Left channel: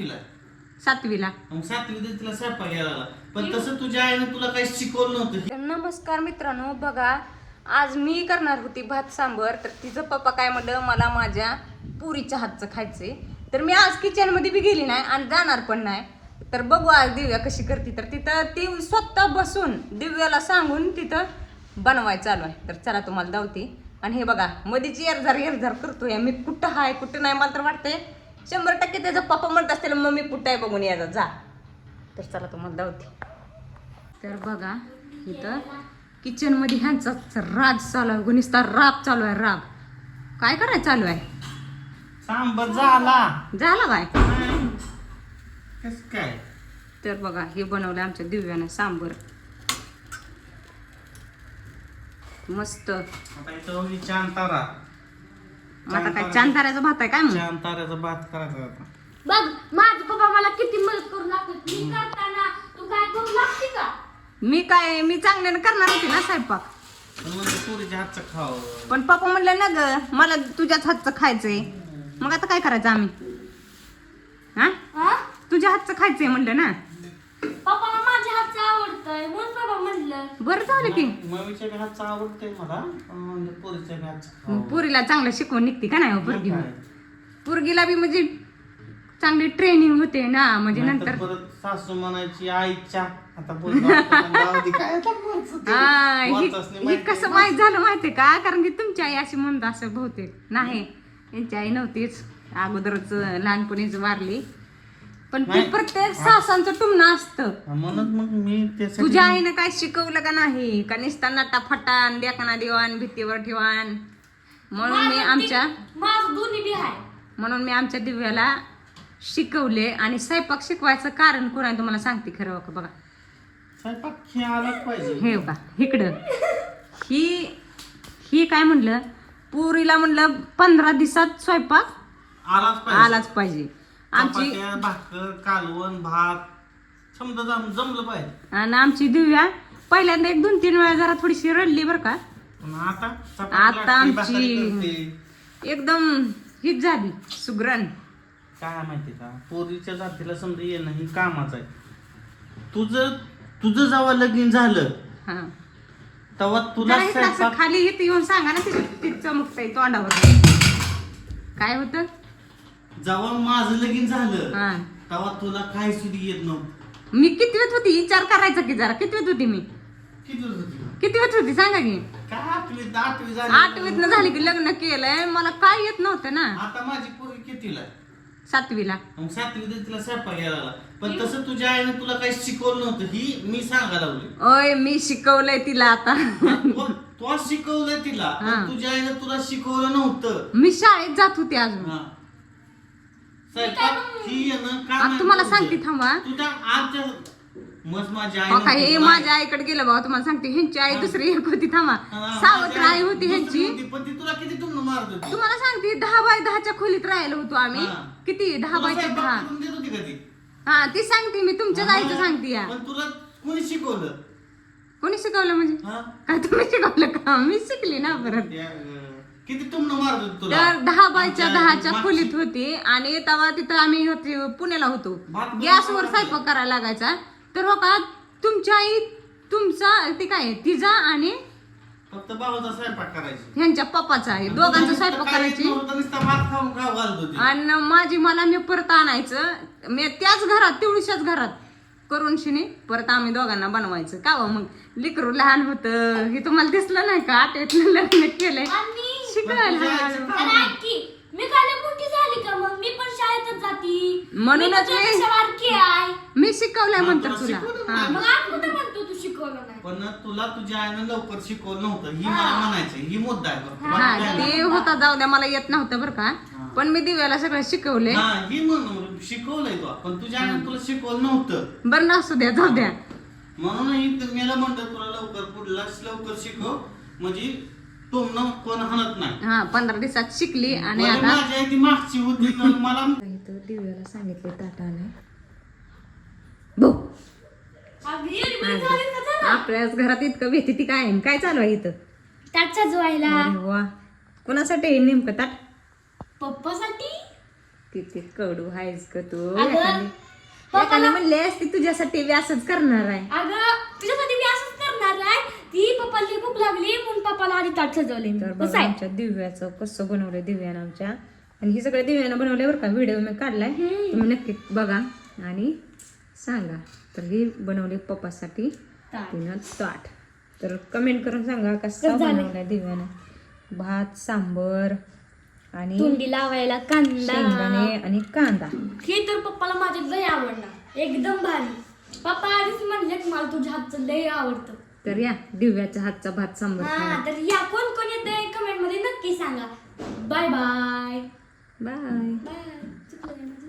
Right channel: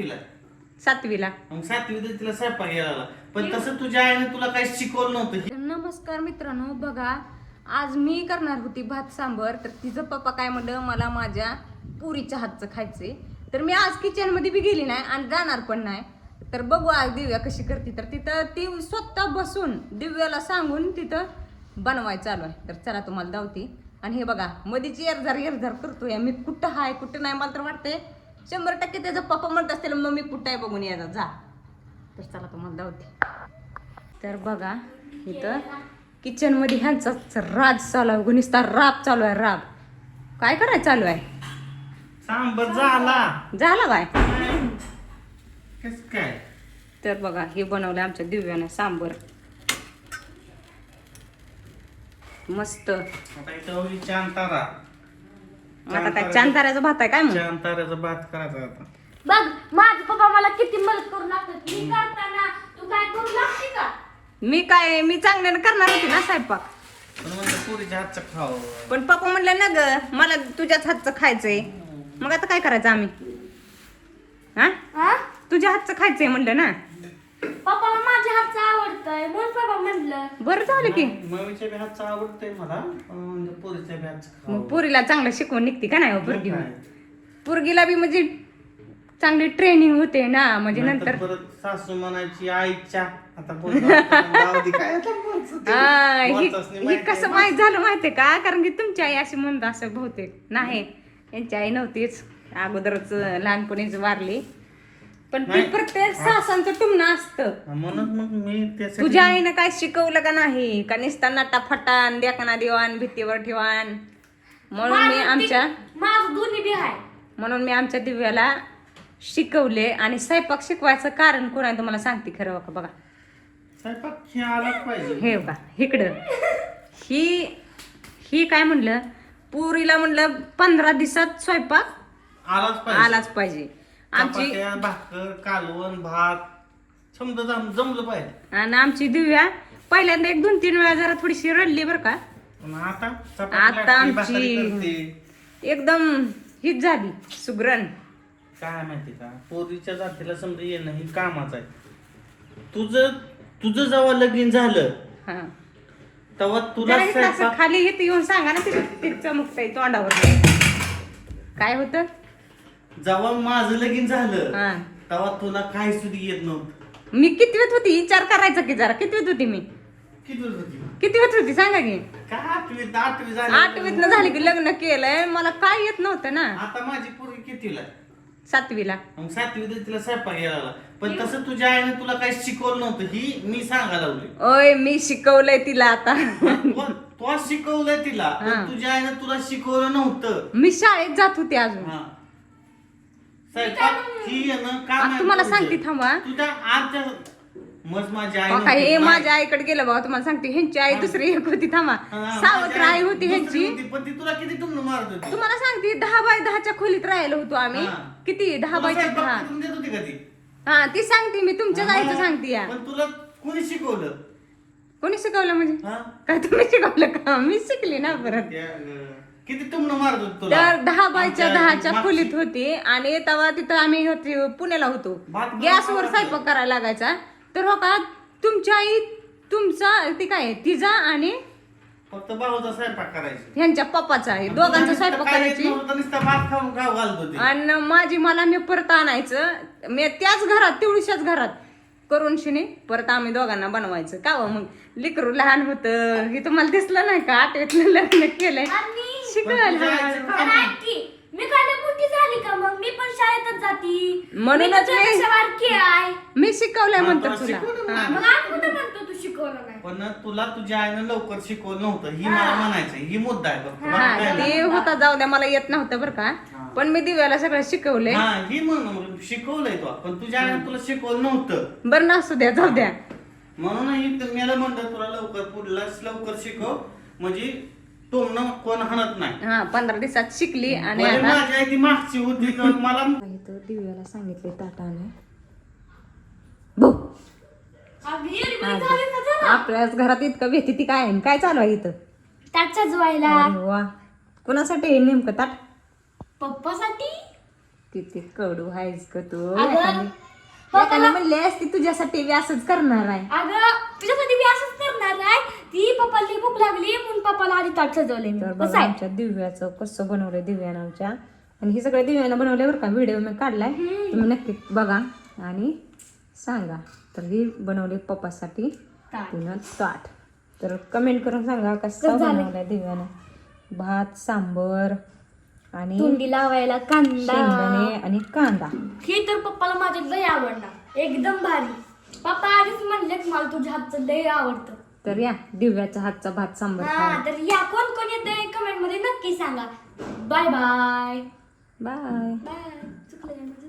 कितीला? 7वीला. मग 7वीत तिला स्वयंपाक यायला लागला. पण तसं तुझ्या आईने तुला काही शिकवलं नव्हतं. नमस्कार मित्रांनो, बघा आज मी करणार होती भात सांबर. तर तिचं पप्पा काय म्हणलं, मला माझ्या पुरीच्या हातचं खायचंय. तर मी आज किचन मध्ये बी गेली नाही आणि जाणार पण नाही. तर बघू आज दिव्या कशी करते. तर तिथं ती स्वतः बसून दिव्याला सांगून तिथं बनवाय चालू आहे. तर चला तुम्हाला दावते. आणि हे बघा मध्येच एरझार करतोय. मी कुठं हाय कुठं नाही, मला तर वाटतंय 100% त्याचा पप्पा म्हणत असतील मम्मी कुठं आहे बघून यायचा जा. तर चला तुम्हाला दावते. तर बघा इथं किचन मध्ये ह्यांचा राज चालू आहे, गुणिस्ता राब चालू आहे. राब काय करायचं चालू आहे? सांबर झाला काय कस काय? तर बघा हे बनवलं आमच्या दिव्यानं सांबर मस्त. आता इथं होती चांतारा. आता काय चांताऱ्याचा भात आहे काय मग? चांताऱ्याचा भात करायचा आता. बघ माझे पप्पा मला किती मदत करू लागतात. मी करताना तू काय करू लागते का? मी चांगल्यानं करणार होती ना स्वयंपाक. पण म्हणलं पुरीच्या हातचं खाव. पण पप्पा म्हणलं ना ग मला तुझ्याच हातचं खायचंय. मग आता काय करायचं आम्ही? हा? तुझ्या हातचं खायचंय म्हणलं ना. पप्पाला माझ्या हातचं आवडतंय म्हणून पप्पा म्हणलं. बरं झालं की. मम्मीच्या बी हातचं आवडतंय मला. म्हणजे पुरीच्या बी हातचं मग खाव. पुरीला चांगलं शिकवून निघते का नाही हो पोरगी? काय? पोरगीला बी म्हणजे चांगली ट्रेनिंग होते ना, म्हणजे नंतर नंतर परत सासू म्हणायची आईच्या आता बोलतो काय आता बोलतो? हा बोलतोच नाही ही माहिती कसं आहे. माहित झालं माहितीये का? कारण की तुमची आई अशी म्हणत असं बहुतेक नाही, यांची आई नव्हतीच, अगोदरच लहानपणीच वारली. पण ते नाही. प्रत्येक सासांचं टुमणं असतं. म्हणून मग मी त्यासाठी तुझ्या आईनं काय शिकवलं का नाही? का निसता नटा फटान देखना देवान भीतीवर ठेवान. म्हणून मी आमच्या दिव्याला शिकवले. आणि स्वयंपाक शिकवायचं कारण कोण आहे तुम्हाला सांगते खरं का? बघा स्वयंपाक खेळायलाच पाहिजे. हे का इकडं ही काय म्हणलं, पुरीला म्हणलं 15 दिवसात स्वयंपाक आलाच पाहिजे. आमची चपात्या, भाकर, कालवण, भात समजा जमलं पाहिजे. आणि आमची दिव्या पहिल्यांदा 1-2-3 वेळा जरा थोडीशी रडली बरं का. पण आता आता भाकरी आमची करते. एकदम हीच झाली सुगरण. काय माहिती का, पोरीच्या जातीला समजा येणं ही कामाच आहे. तुझं जेव्हा लगीन झालं हा तेव्हा तुला जरा इकडं असं स्वयंपाक- खाली येते येऊन सांगा ना, तिथे चमकतंय तोंडावर. काय होतं? जेव्हा माझं लगीन झालं हा तेव्हा तुला काही सुद्धा येत नव्हतं. मी कितवीत होती विचार करायचा की जरा. कितवीत होती मी? कितवीत होती सांगा की. काय 8वी झाली. 8वीतनं झाली की लग्न केलंय. मला काय येत नव्हतं ना. आता माझी पोरगी कितीला? 7वीला. मग 7वीत तिला स्वयंपाक यायला लागला. पण तसं तुझ्या आईने तुला काही शिकवलं नव्हतं ही मी सांगायला लावली. ओय मी शिकवलंय तिला आता. तू शिकवलंय तिला हा. पण तुझ्या आईने तुला शिकवलं नव्हतं. मी शाळेत जात होते अजून. हा. स्वयंपाक ही येणं काम आता आहे तुम्हाला तुझं. सांगते थांबा. तुझ्या आमच्या मग माझ्या आई बघा हे नव्हती. माझ्या आईकडे गेलं बघा. तुम्हाला सांगते ह्यांची आई दुसरी एक होती. थांबा हा, सावत्र माझी आई होती ह्यांची. दुसरी होती, पण ती तुला किती टुमणं मारत होती. तुम्हाला सांगते 10x10च्या खोलीत राहिलो होतो आम्ही. हा. किती तुला 10x10. स्वयंपाक करून देत होती का ती? हा ती सांगते मी तुमच्याच हा, आईचं मला- सांगते या. पण तुला कोणी शिकवलं? कोणी शिकवलं म्हणजे? हा? काय तुम्ही शिकवलं का? मी शिकली ना परत. किती टुमणं मारत होती तुला? तर 10x10च्या आमच्या खोलीत होती. आणि तेव्हा तिथं आम्ही होती पुण्याला होतो. भात गॅसवर बनवायला स्वयंपाक करायला लागायचा. तर हो का तुमच्या आई तुमचा ती काय तिचा आणि फक्त भाऊचा स्वयंपाक करायची. ह्यांच्या पप्पाचा आहे दोघांचा स्वयंपाक करायची. नुसता भात खाऊन खाऊ घालत होती. आणि मला मी परत आणायचं. मी त्याच घरात तेवढीशाच घरात करून शिनी परत आम्ही दोघांना बनवायचं का हो. मग लेकरू लहान होतं हे तुम्हाला दिसलं नाही का? 8वीतलं लग्न केलंय शिकायला हळूहळू. मी काय मोठी झाली का? मग मी पण शाळेतच जाती. म्हणूनच मी तुझ्यापेक्षा बारकी आहे. मी शिकवलंय म्हणतो तुला तुला. शिकवलं हा. मग आज कुठं म्हणतो तू शिकवलं नाही? पण तुला तुझ्या आईनं लवकर शिकवलं नव्हतं ही मला म्हणायचं ही मुद्दा आहे फक्त. हा बाकी काय ते नाही. होता जाऊ द्या मला येत नव्हतं बरं का. हा. पण मी दिव्याला सगळं शिकवले. हा ही म्हणून शिकवलंय तू पण तुझ्या आईनं तुला शिकवलं नव्हतं. बरं नसू द्या जाऊ द्या. म्हणून ही मला म्हणतं तुला लवकर शिकव म्हणजे टोमणं कोण हाणत नाही. हा 15 दिवसात शिकली. आणि म्हणजे आता माझी आई ती मागची होती का मला इथं दिव्याला सांगितले ताटाने भाऊ अगं, एवढी मोठी झाली का जरा? आपल्याच घरात इतकं भेटी ती काय काय चालू आहे इथं? ताट सजवायला अरे वा कुणासाठी आहे नेमकं ताट? पप्पासाठी. किती कडू आहेस का तू अगं, पप्पाला म्हणले असते तुझ्यासाठी मी असंच करणार आहे. अगं तुझ्यासाठी मी असंच करणार आहे. ती पप्पाला भूक लागली म्हणून पप्पाला आधी ताट सजवले मी. तर कसं बघा आहे? आमच्या दिव्याचं कसं बनवलंय दिव्यानं आमच्या. आणि हे सगळं दिव्यानं बनवलंय बरं का. व्हिडिओ मी काढलाय, तुम्ही नक्की बघा आणि सांगा. तर ही बनवली पप्पासाठी ताट. तिनं ताट. तर कमेंट करून सांगा कसं कसं झालंय? बनवलंय दिव्यानं. भात, सांबर आणि तोंडी लावायला कांदा. शेंगदाणे आणि कांदा. हे तर पप्पाला माझ्या लय आवडणार, एकदम भारी. पप्पा आधीच म्हणलेत मला तुझ्या हातचं लय आवडतं. तर या दिव्याच्या हातचा भात सांबर हा खायला. तर या कोण कोण येते कमेंट मध्ये नक्की सांगा. Bye bye bye. बाय.